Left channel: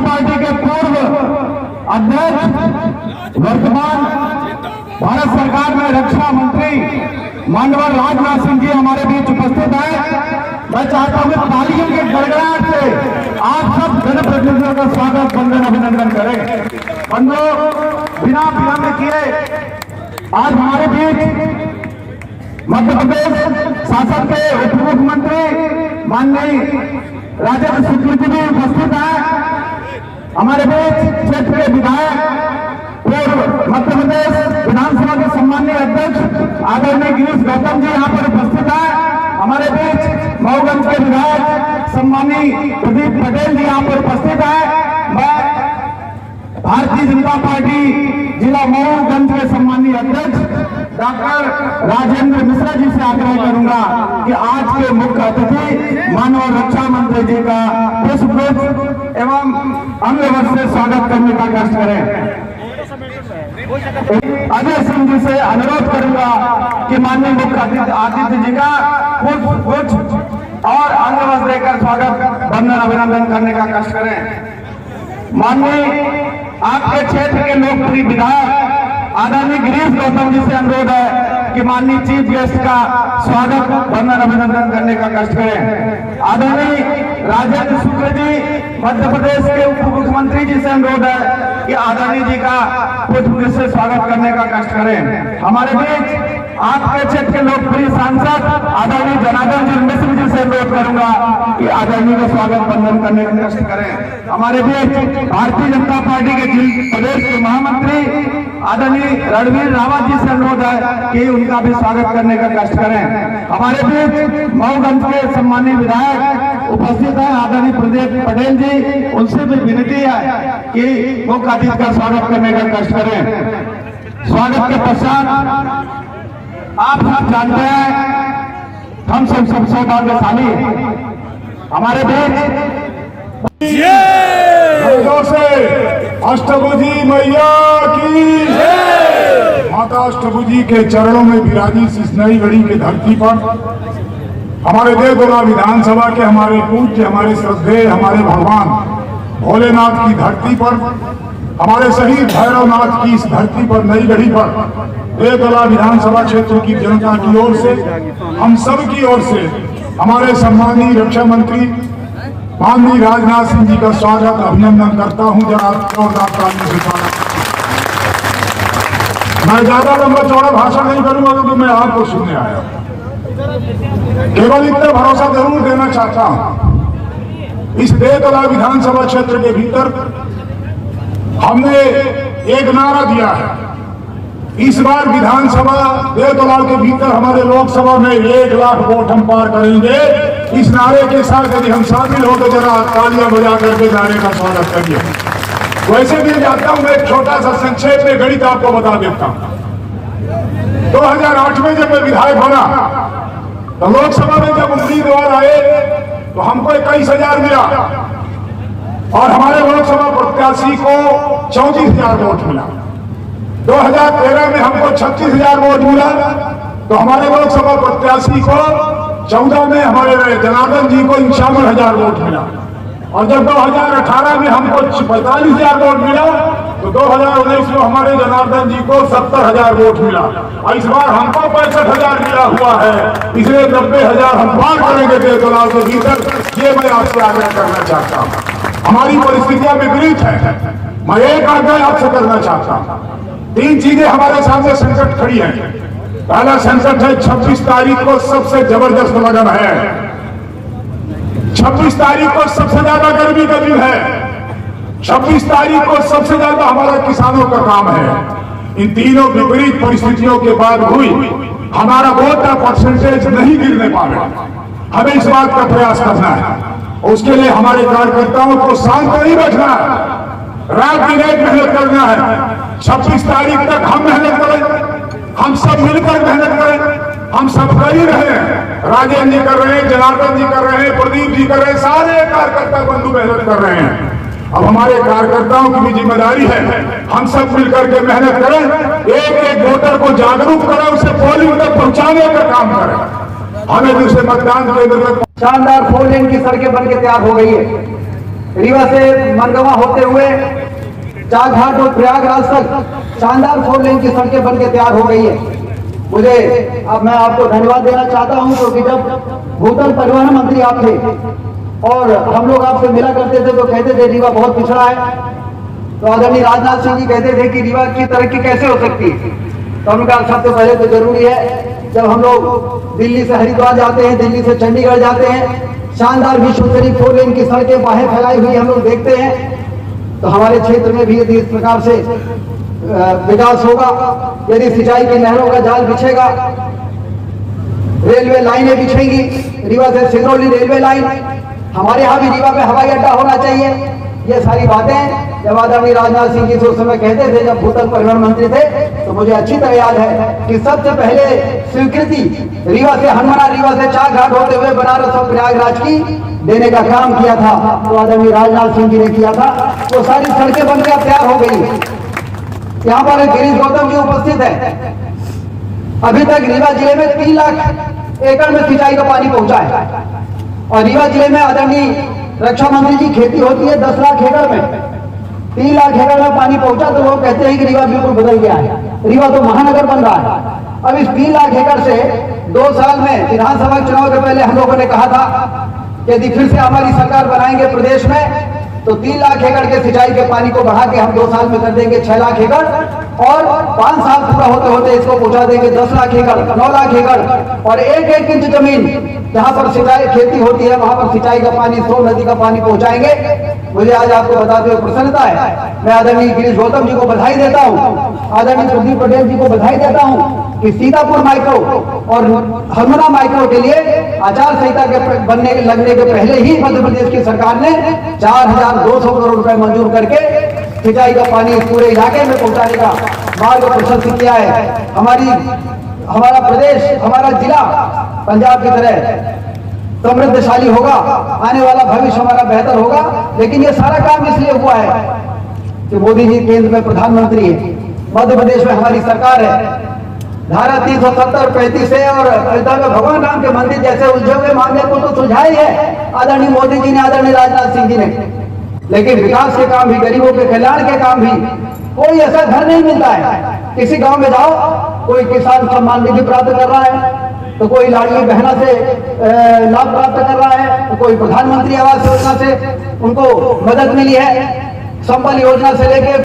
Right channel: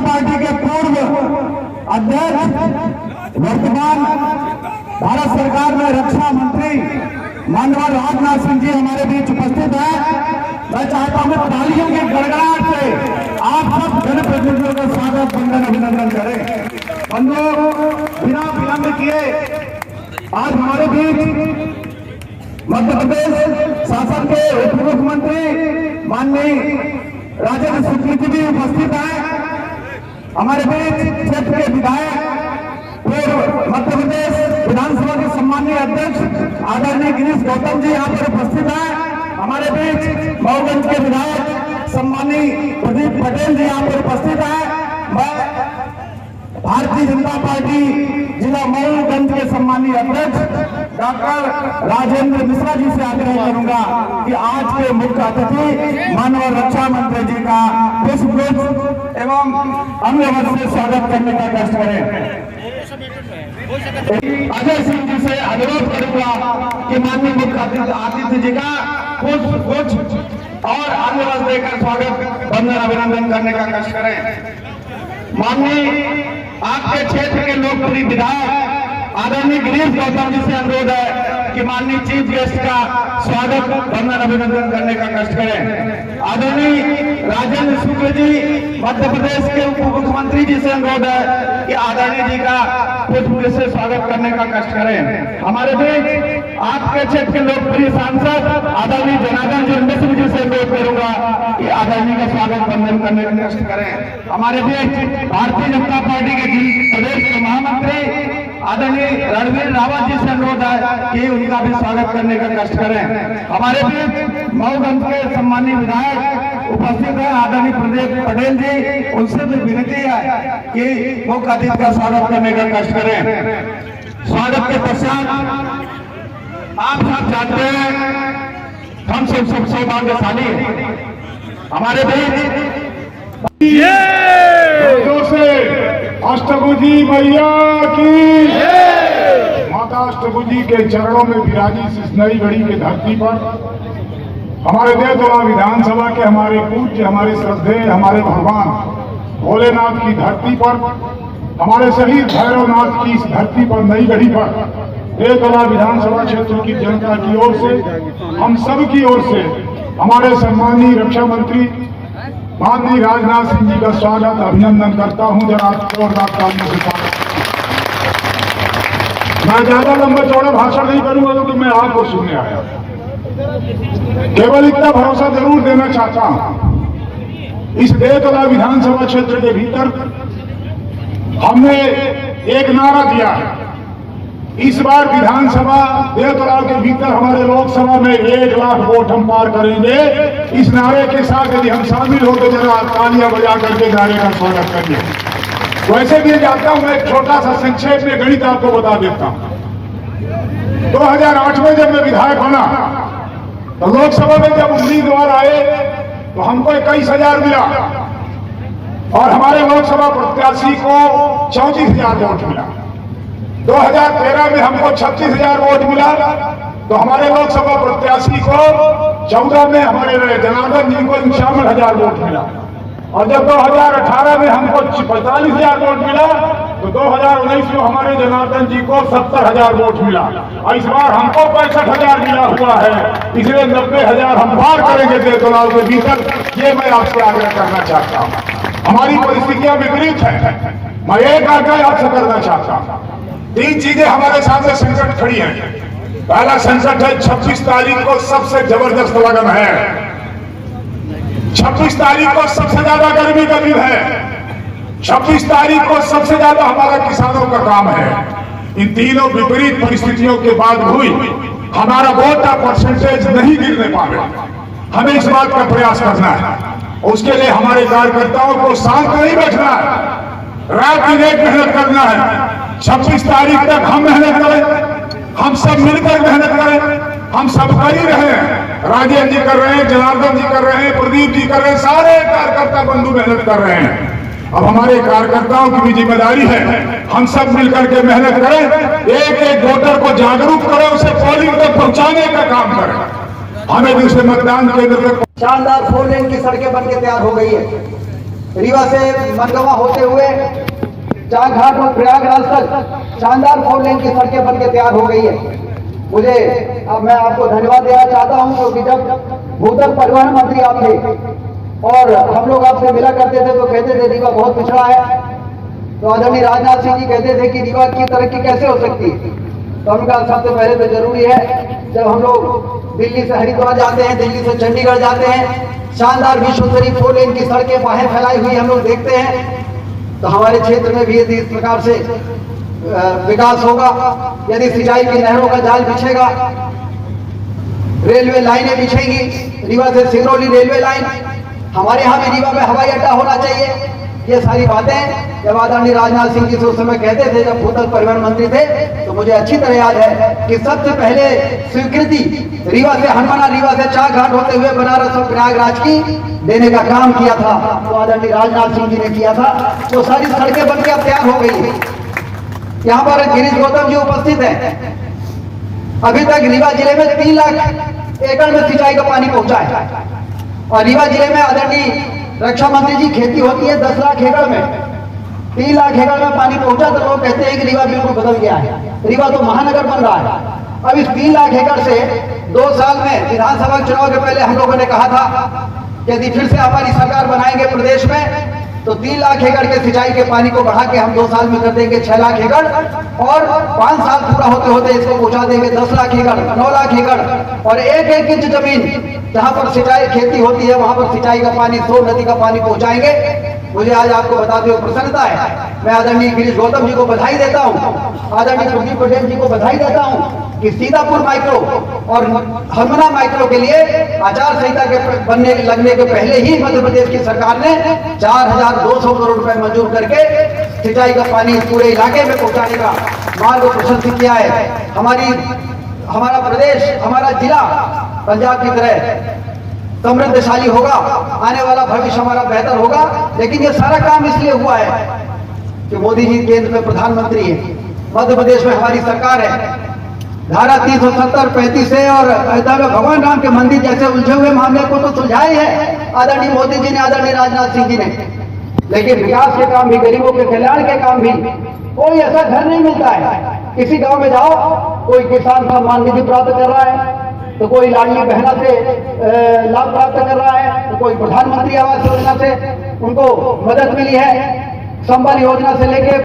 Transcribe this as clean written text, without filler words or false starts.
Party के पूर्व अध्यक्ष, वर्तमान भारत सरकार में रक्षा मंत्री माननीय राजनाथ सिंह जी हमारे बीच उपस्थित है। मैं चाहता हूं तालियों के गड़गड़ाहट से आप सब जनप्रतिनिधियों का स्वागत, वंदन, अभिनंदन करें। बंधुओं, बिना विलंब किए आज हमारे बीच मध्य प्रदेश शासन के उप मुख्यमंत्री माननीय राजेंद्र शुक्ल जी भी उपस्थित है। हमारे बीच क्षेत्र के विधायक, पूर्व मध्य प्रदेश विधानसभा के सम्मानीय अध्यक्ष आदरणीय गिरीश गौतम जी यहाँ पर उपस्थित है। हमारे बीच मऊगंज के विधायक सम्मानीय प्रदीप पटेल जी यहाँ पर उपस्थित है। मैं भारतीय जनता पार्टी जिला मऊगंज के सम्मानीय अध्यक्ष डॉक्टर राजेंद्र मिश्रा जी से आग्रह करूंगा कि आज के मुख्य अतिथि माननीय रक्षा मंत्री जी का पुष्पगुच्छ एवं अन्य वर्ष से स्वागत करने का कष्ट करें। अजय सिंह जी से अनुरोध करूंगा कि माननीय मुख्य अतिथि जी का पुष्पगुच्छ और अन्य वर्ष देकर स्वागत, वंदन, अभिनंदन करने का कष्ट करें। माननीय आपके क्षेत्र के लोकप्रिय विधायक आदरणीय गिरीश गौतम जी से अनुरोध है कि माननीय चीफ गेस्ट का स्वागत, वंदन, अभिनंदन करने का कष्ट करें। आदरणीय राजेंद्र शुक्ल जी मध्य प्रदेश के उप मुख्यमंत्री जी से अनुरोध है कि आदरणीय जी का पुष्पगुच्छ से स्वागत करने का कष्ट करें। हमारे बीच आपके क्षेत्र के लोकप्रिय सांसद आदरणीय जनार्दन जी मिश्र जी से अनुरोध करूंगा कि आदरणीय का स्वागत, वंदन करने का कष्ट करें। हमारे बीच भारतीय जनता पार्टी के प्रदेश के महामंत्री आदरणीय रणवीर रावत जी से अनुरोध है कि उनका भी स्वागत करने का कष्ट करें। हमारे बीच मऊगंज के सम्मानीय विधायक उपस्थित है आदरणीय प्रदीप पटेल जी, उनसे भी विनती है कि मुख्य अतिथि का स्वागत करने का कष्ट करें। स्वागत के पश्चात आप सब जानते हैं हम सब सौभाग्यशाली हैं। हमारे बीच अष्टभुजी मैया की माता अष्टभुजी के चरणों में विराजी इस नई घड़ी की धरती पर हमारे देवगोला विधानसभा के हमारे पूज्य, हमारे श्रद्धेय, हमारे भगवान भोलेनाथ की धरती पर, हमारे शहीद भैरवनाथ की इस धरती पर, नई घड़ी पर देवगोला विधानसभा क्षेत्र की जनता की ओर से, हम सब की ओर से हमारे सम्मानीय रक्षा मंत्री माननीय राजनाथ सिंह जी का स्वागत, अभिनंदन करता हूं। जरा जोरदार तालियों से स्वागत। मैं ज्यादा लंबा चौड़ा भाषण नहीं करूंगा क्योंकि मैं आपको सुनने आया। केवल इतना भरोसा जरूर देना चाहता हूं, इस देवगोला विधानसभा क्षेत्र के भीतर हमने एक नारा दिया है। इस बार विधानसभा देवगोला के भीतर हमारे लोकसभा में 1 लाख वोट हम पार करेंगे। इस नारे के साथ यदि हम शामिल हो तो जरा तालियां बजा करके नारे का स्वागत करिए। वैसे भी जाता हूं, मैं एक छोटा सा संक्षेप में गणित आपको बता देता हूं। 2008 में जब मैं विधायक बना तो लोकसभा में जब उम्मीदवार आए तो हमको 21,000 मिला और हमारे लोकसभा प्रत्याशी को 34,000 वोट मिला। 2013 में हमको 36,000 वोट मिला तो हमारे लोकसभा प्रत्याशी को 14 में हमारे जनार्दन जी को 51,000 वोट मिला और जब 2018 में हमको 45,000 वोट मिला तो 2019 में हमारे जनार्दन जी को 70,000 वोट मिला और इस बार हमको 65,000 मिला हुआ है। इसलिए 90,000 हम पार करेंगे देवगोला के भीतर, ये मैं आपसे आग्रह करना चाहता हूँ। हमारी परिस्थितियां विपरीत है। मैं एक आग्रह आपसे करना चाहता हूँ। 3 चीजें हमारे सामने संकट खड़ी है। पहला संकट है 26 तारीख को सबसे जबरदस्त लगन है। 26 तारीख को सबसे ज्यादा गर्मी का दिन है। 26 तारीख को सबसे ज्यादा हमारा किसानों का काम है। इन तीनों विपरीत परिस्थितियों के बाद हुई हमारा वोट का परसेंटेज नहीं गिरने पावे। हमें इस बात का प्रयास करना है। उसके लिए हमारे कार्यकर्ताओं को शांत नहीं बैठना है, रात दिन एक मेहनत करना है। 26 तारीख तक हम मेहनत करें, हम सब मिलकर मेहनत करें। हम सब कर ही रहे हैं, राजेंद्र जी कर रहे हैं, जनार्दन जी कर रहे हैं, प्रदीप जी कर रहे हैं, सारे कार्यकर्ता बंधु मेहनत कर रहे हैं। अब हमारे कार्यकर्ताओं की भी जिम्मेदारी है, हम सब मिलकर के मेहनत करें, एक एक वोटर को जागरूक करें, उसे पोलिंग तक पहुंचाने का काम करें। हमें दूसरे मतदान केंद्र तक शानदार 4 लेन की सड़कें बनकर तैयार हो गई है। रीवा से मनगवा होते हुए चाघाट और प्रयागराज तक शानदार 4 लेन की सड़कें बनकर तैयार हो गई है। मुझे अब मैं आपको धन्यवाद देना चाहता हूं क्योंकि जब भूतल परिवहन मंत्री आप थे और हम लोग आपसे मिला करते थे तो कहते थे रीवा बहुत पिछड़ा है, तो आदरणीय राजनाथ सिंह जी कहते थे कि रीवा की तरक्की कैसे हो सकती है। तो हमने कहा सबसे पहले तो जरूरी है जब हम लोग दिल्ली से हरिद्वार जाते हैं, दिल्ली से चंडीगढ़ जाते हैं, शानदार विश्वस्तरीय 4 लेन की सड़कें बाहर फैलाई हुई हम लोग देखते हैं, तो हमारे क्षेत्र में भी यदि इस प्रकार से विकास होगा, यदि सिंचाई की नहरों का जाल बिछेगा, रेलवे लाइनें बिछेंगी, रीवा से सिंगरौली रेलवे लाइन, हमारे यहाँ भी रीवा पे हवाई अड्डा होना चाहिए। ये सारी बातें जब आदरणीय राजनाथ सिंह जी से उस समय कहते थे जब भूतल परिवहन मंत्री थे, तो मुझे अच्छी तरह याद है कि सबसे पहले स्वीकृति रीवा से हनुमाना, रीवा से चाघाट होते हुए बनारस और प्रयागराज की देने का काम किया था, तो आदरणीय राजनाथ सिंह जी ने किया था। वो सारी सड़कें बनकर अब तैयार हो गई। यहाँ पर गिरीश गौतम जी उपस्थित है। अभी तक रीवा जिले में 3 लाख एकड़ में सिंचाई का पानी पहुंचा है और रीवा जिले में आदरणीय रक्षा मंत्री जी खेती होती है 10 लाख एकड़ में, 3 लाख एकड़ में पानी पहुंचा तो लोग कहते हैं कि रीवा बिल्कुल बदल गया है, रीवा तो महानगर बन रहा है। अब इस 3 लाख एकड़ से 2 साल में विधानसभा चुनाव के पहले हम लोगों ने कहा था कि यदि फिर से हमारी सरकार बनाएंगे प्रदेश में तो 3 लाख एकड़ के सिंचाई के पानी को बढ़ा के हम 2 साल में कर देंगे 6 लाख एकड़ और 5 साल पूरा होते होते इसको पहुंचा देंगे 10 लाख एकड़, 9 लाख एकड़ और 1-1 इंच जमीन जहां पर सिंचाई खेती होती है वहां पर सिंचाई का पानी, सो नदी का पानी पहुंचाएंगे। मुझे आज आपको बताते हुए प्रसन्नता है, मैं आदरणीय गिरीश गौतम जी को बधाई देता हूं, आदरणीय प्रदीप पटेल जी को बधाई देता हूं कि सीतापुर माइक्रो और हरमना माइक्रो के लिए आचार संहिता के बनने लगने के पहले ही मध्य प्रदेश की सरकार ने 4,200 करोड़ रुपए मंजूर करके सिंचाई का पानी पूरे इलाके में पहुंचाने का मार्ग प्रशस्त किया है। हमारा प्रदेश, हमारा जिला पंजाब की तरह समृद्धशाली होगा, आने वाला भविष्य हमारा बेहतर होगा। लेकिन ये सारा काम इसलिए हुआ है कि मोदी जी केंद्र में प्रधानमंत्री है, मध्य प्रदेश में हमारी सरकार है। धारा 370, 35 है और अयोध्या में भगवान राम के मंदिर जैसे उलझे हुए मामले को तो सुलझाया ही है आदरणीय मोदी जी ने, आदरणीय राजनाथ सिंह जी ने, लेकिन विकास के काम भी, गरीबों के कल्याण के काम भी, कोई ऐसा घर नहीं मिलता है। किसी गांव में जाओ, कोई किसान सम्मान निधि प्राप्त कर रहा है, तो कोई लाडली बहना से लाभ प्राप्त कर रहा है, तो कोई प्रधानमंत्री आवास योजना से उनको मदद मिली है, संबल योजना से लेकर